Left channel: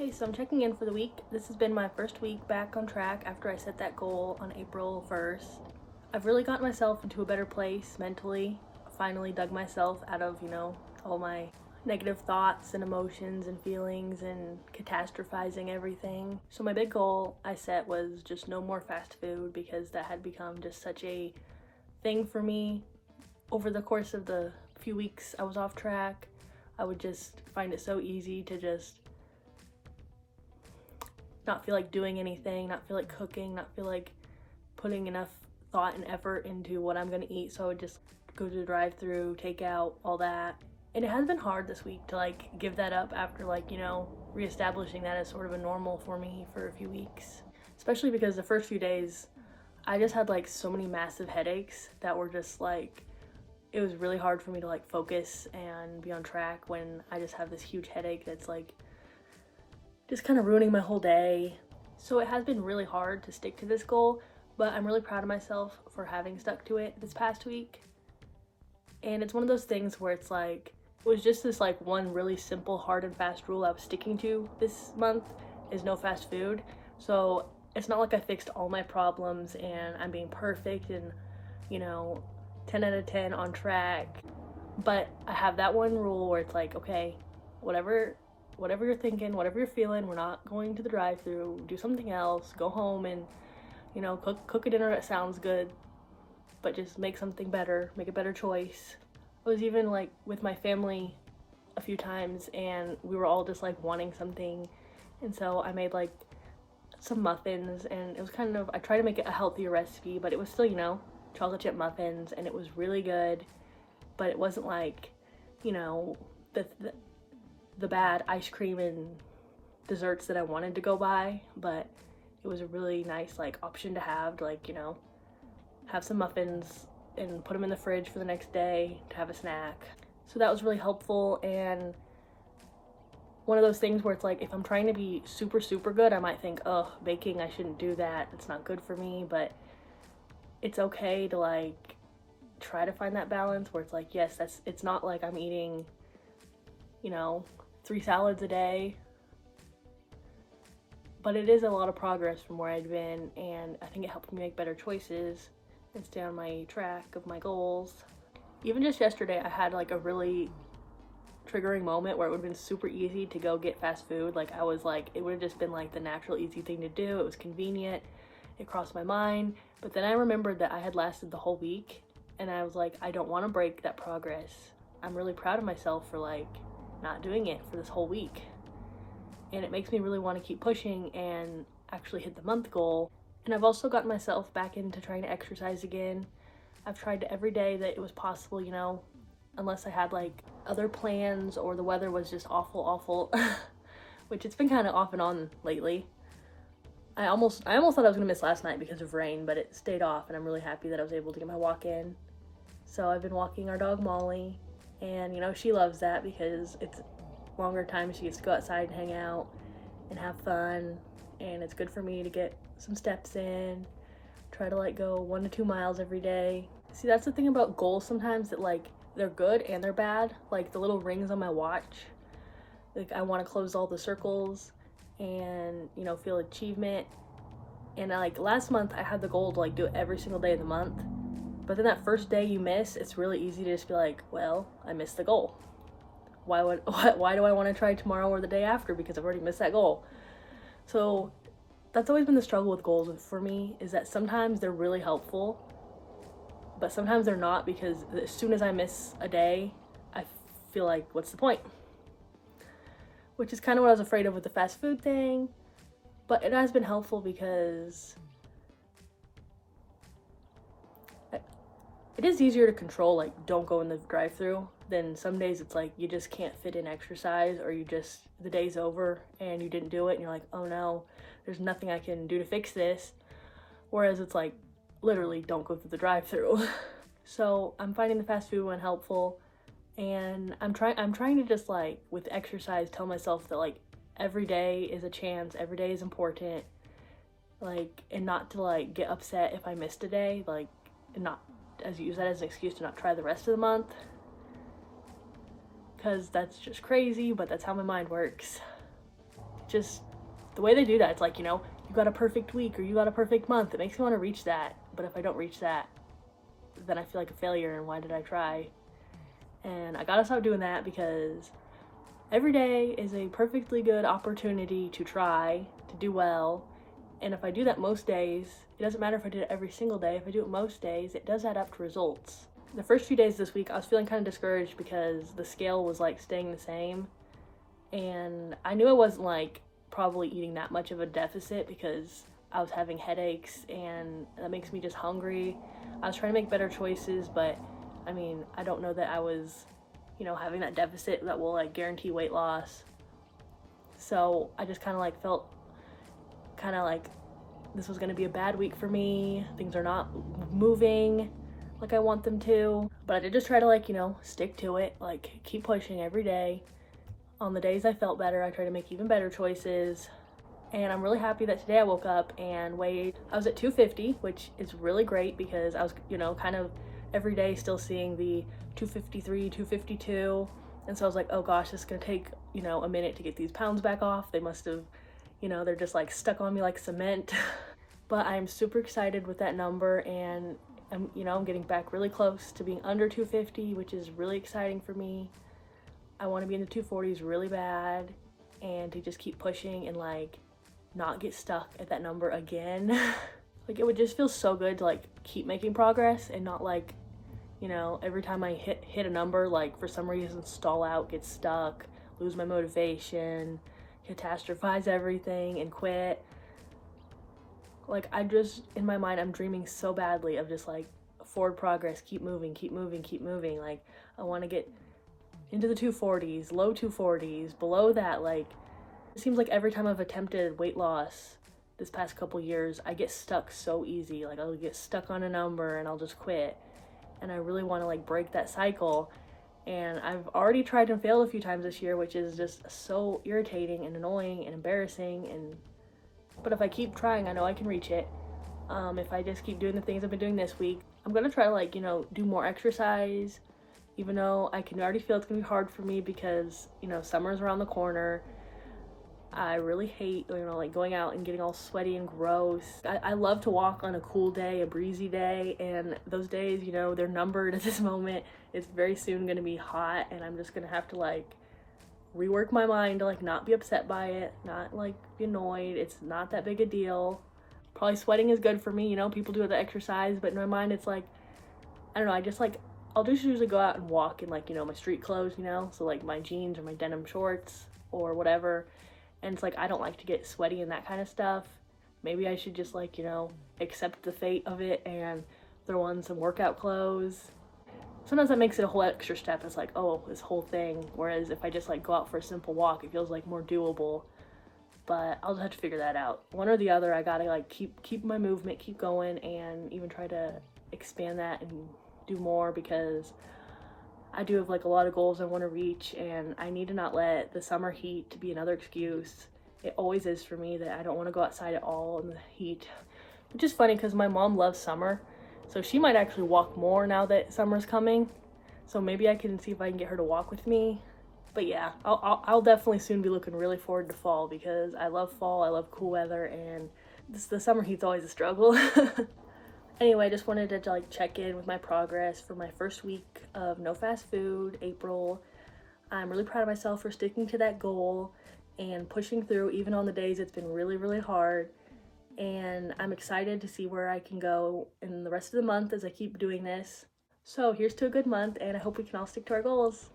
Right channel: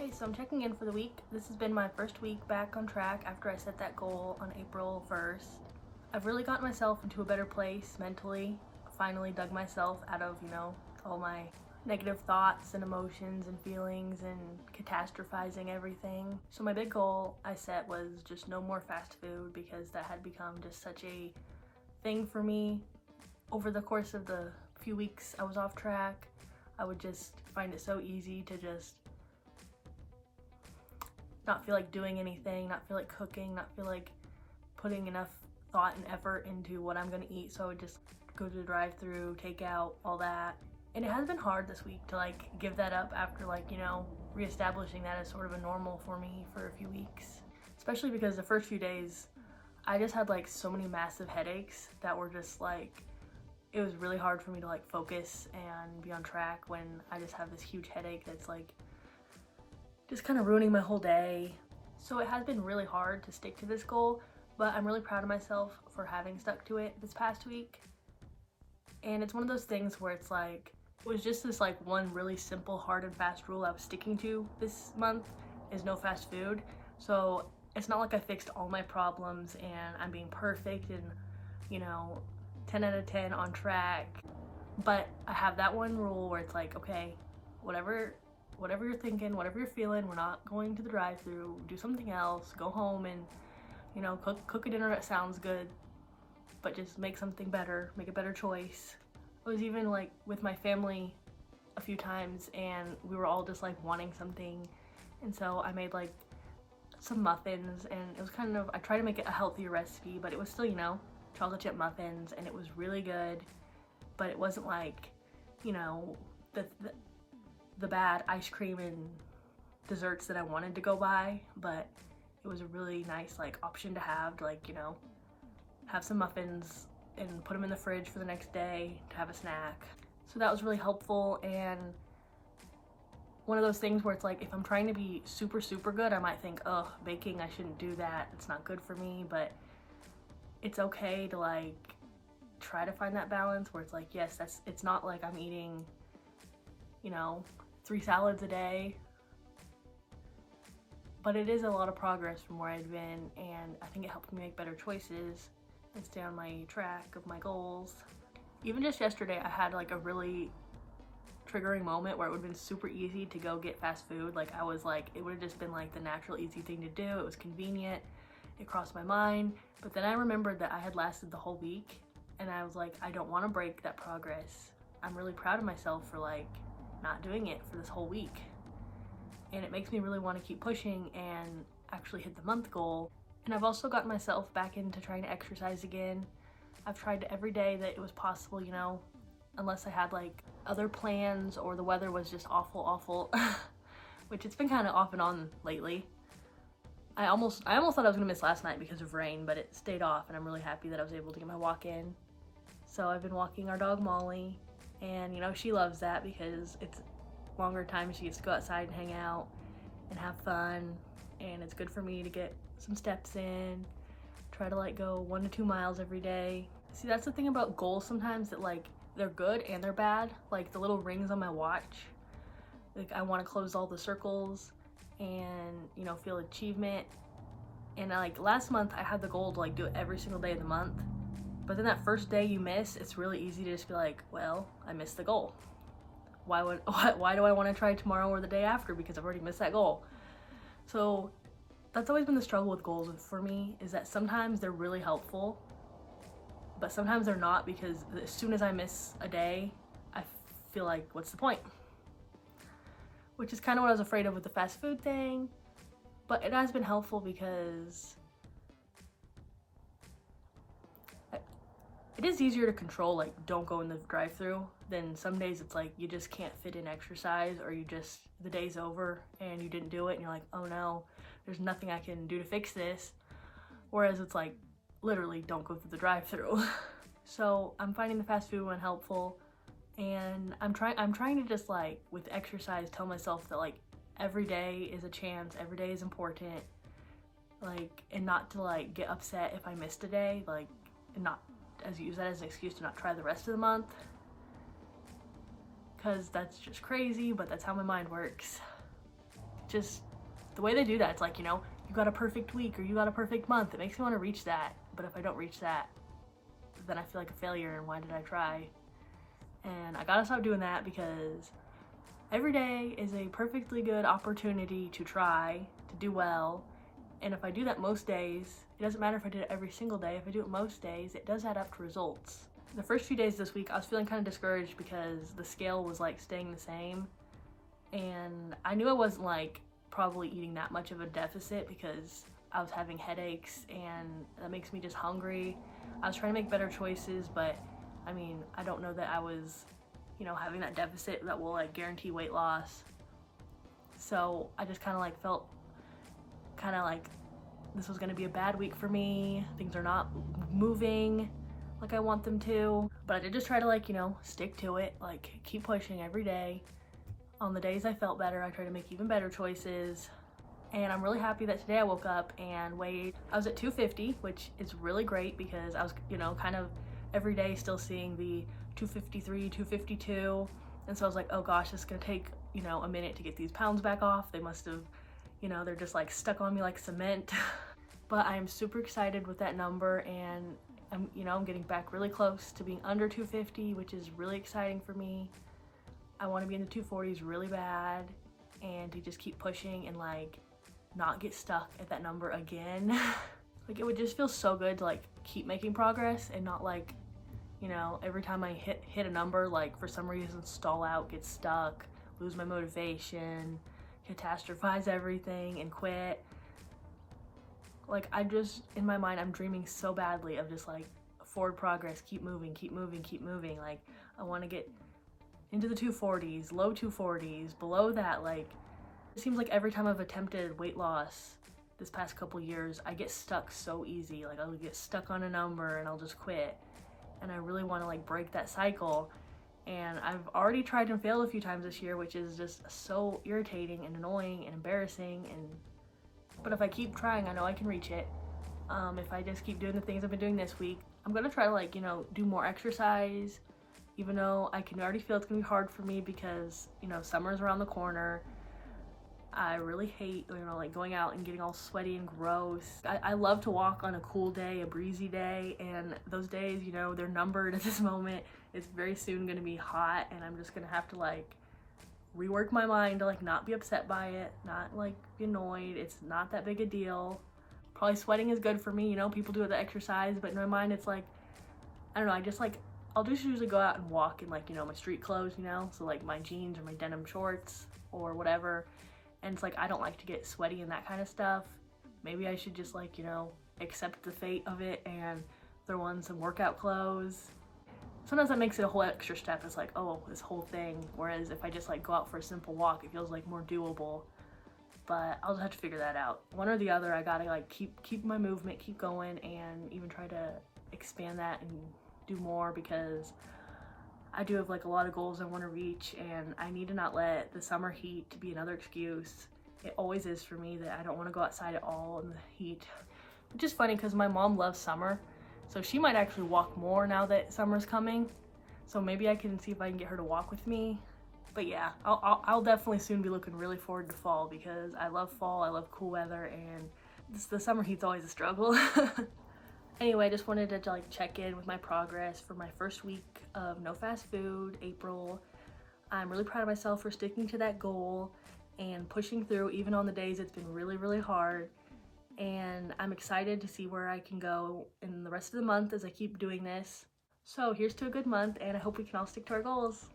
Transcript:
Hey, so I'm checking in for the week. This has been my first week back on track after I set that goal on April 1st. I've really gotten myself into a better place mentally. Finally dug myself out of, all my negative thoughts and emotions and feelings and catastrophizing everything. So my big goal I set was just no more fast food because that had become just such a thing for me. Over the course of the few weeks I was off track, I would just find it so easy to just not feel like doing anything, not feel like cooking, not feel like putting enough thought and effort into what I'm gonna eat. So I would just go to the drive-through, take out, all that. And it has been hard this week to give that up after reestablishing that as sort of a normal for me for a few weeks. Especially because the first few days I just had so many massive headaches that were just it was really hard for me to focus and be on track when I just have this huge headache that's just kind of ruining my whole day. So it has been really hard to stick to this goal, but I'm really proud of myself for having stuck to it this past week. And it's one of those things where it was just this one really simple hard and fast rule I was sticking to this month is no fast food. So it's not like I fixed all my problems and I'm being perfect and 10 out of 10 on track, but I have that one rule where it's okay, whatever you're thinking, whatever you're feeling, we're not going to the drive-through, do something else, go home and cook a dinner that sounds good, but just make something better, make a better choice. I was even with my family a few times and we were all just wanting something, and so I made some muffins, and it was I tried to make it a healthier recipe, but it was still chocolate chip muffins, and it was really good, but it wasn't the bad ice cream and desserts that I wanted to go buy, but it was a really nice option to have to have some muffins and put them in the fridge for the next day to have a snack. So that was really helpful. And one of those things where it's if I'm trying to be super good, I might think, oh, baking, I shouldn't do that, it's not good for me, but it's okay to try to find that balance where it's yes, it's not I'm eating 3 salads a day, but it is a lot of progress from where I'd been, and I think it helped me make better choices and stay on my track of my goals. Even just yesterday I had a really triggering moment where it would have been super easy to go get fast food. I was it would have just been the natural easy thing to do. It was convenient, it crossed my mind, but then I remembered that I had lasted the whole week, and I was I don't want to break that progress. I'm really proud of myself for not doing it for this whole week, and it makes me really want to keep pushing and actually hit the month goal. And I've also gotten myself back into trying to exercise again. I've tried every day that it was possible, unless I had other plans or the weather was just awful which it's been kind of off and on lately. I almost thought I was gonna miss last night because of rain, but it stayed off, and I'm really happy that I was able to get my walk in. So I've been walking our dog Molly, and she loves that because it's longer time she gets to go outside and hang out and have fun, and it's good for me to get some steps in. Try to go 1 to 2 miles every day. See, that's the thing about goals sometimes, that they're good and they're bad. The little rings on my watch, I want to close all the circles and feel achievement. And last month I had the goal to do it every single day of the month, but then that first day you miss, it's really easy to just be well, I missed the goal. Why do I want to try tomorrow or the day after, because I've already missed that goal? So that's always been the struggle with goals for me, is that sometimes they're really helpful, but sometimes they're not, because as soon as I miss a day, I feel what's the point? Which is kind of what I was afraid of with the fast food thing, but it has been helpful because it is easier to control, don't go in the drive-through. Then some days it's you just can't fit in exercise, or the day's over and you didn't do it and you're oh no, there's nothing I can do to fix this. Whereas it's literally don't go through the drive-through. So I'm finding the fast food one helpful, and I'm trying to just with exercise tell myself that every day is a chance, every day is important, and not to get upset if I missed a day, and not use that as an excuse to not try the rest of the month, because that's just crazy, but that's how my mind works. just the way they do that, it's like, you know, you got a perfect week or you got a perfect month. It makes me want to reach that. But if I don't reach that, then I feel like a failure, and why did I try? And I gotta stop doing that, because every day is a perfectly good opportunity to try, to do well. And if I do that most days, it doesn't matter if I do it every single day. If I do it most days, it does add up to results. The first few days this week, I was feeling kind of discouraged because the scale was like staying the same. And I knew I wasn't like probably eating that much of a deficit, because I was having headaches and that makes me just hungry. I was trying to make better choices, but I mean, I don't know that I was, you know, having that deficit that will like guarantee weight loss. So I just kind of like felt kind of like this was going to be a bad week for me. Things are not moving like I want them to, but I did just try to like, you know, stick to it, like keep pushing every day. On the days I felt better, I tried to make even better choices. And I'm really happy that today I woke up and weighed, I was at 250, which is really great, because I was, you know, kind of every day still seeing the 253, 252. And so I was like, oh gosh, it's gonna take, you know, a minute to get these pounds back off. They must have, you know, they're just like stuck on me like cement. But I'm super excited with that number, and I'm, you know, I'm getting back really close to being under 250, which is really exciting for me. I want to be in the 240s really bad, and to just keep pushing and like not get stuck at that number again. Like, it would just feel so good to like keep making progress and not like, you know, every time I hit a number, like for some reason stall out, get stuck, lose my motivation, catastrophize everything and quit. Like, I just, in my mind, I'm dreaming so badly of just like forward progress, keep moving, keep moving, keep moving. Like, I want to get into the 240s, low 240s, below that. Like, it seems like every time I've attempted weight loss this past couple years, I get stuck so easy. Like, I'll get stuck on a number and I'll just quit. And I really want to like break that cycle. And I've already tried and failed a few times this year, which is just so irritating and annoying and embarrassing. But if I keep trying, I know I can reach it. If I just keep doing the things I've been doing this week, I'm gonna try to like, you know, do more exercise, even though I can already feel it's gonna be hard for me because, you know, summer's around the corner. I really hate, you know, like going out and getting all sweaty and gross. I love to walk on a cool day, a breezy day, and those days, you know, they're numbered at this moment. It's very soon gonna be hot, and I'm just gonna have to like rework my mind to like not be upset by it, not like be annoyed. It's not that big a deal. Probably sweating is good for me, you know, people do the exercise, but in my mind it's like, I don't know, I just like, I'll just usually go out and walk in like, you know, my street clothes, you know, so like my jeans or my denim shorts or whatever. And it's like, I don't like to get sweaty and that kind of stuff. Maybe I should just like, you know, accept the fate of it and throw on some workout clothes. Sometimes that makes it a whole extra step. It's like, oh, this whole thing. Whereas if I just like go out for a simple walk, it feels like more doable. But I'll just have to figure that out. One or the other, I gotta like keep my movement, keep going, and even try to expand that and do more, because I do have like a lot of goals I want to reach, and I need to not let the summer heat to be another excuse. It always is for me that I don't want to go outside at all in the heat. Which is funny because my mom loves summer, so she might actually walk more now that summer's coming. So maybe I can see if I can get her to walk with me. But yeah, I'll definitely soon be looking really forward to fall, because I love fall, I love cool weather, and the summer heat's always a struggle. Anyway, I just wanted to like check in with my progress for my first week of no fast food, April. I'm really proud of myself for sticking to that goal and pushing through even on the days it's been really, really hard. And I'm excited to see where I can go in the rest of the month as I keep doing this. So here's to a good month, and I hope we can all stick to our goals.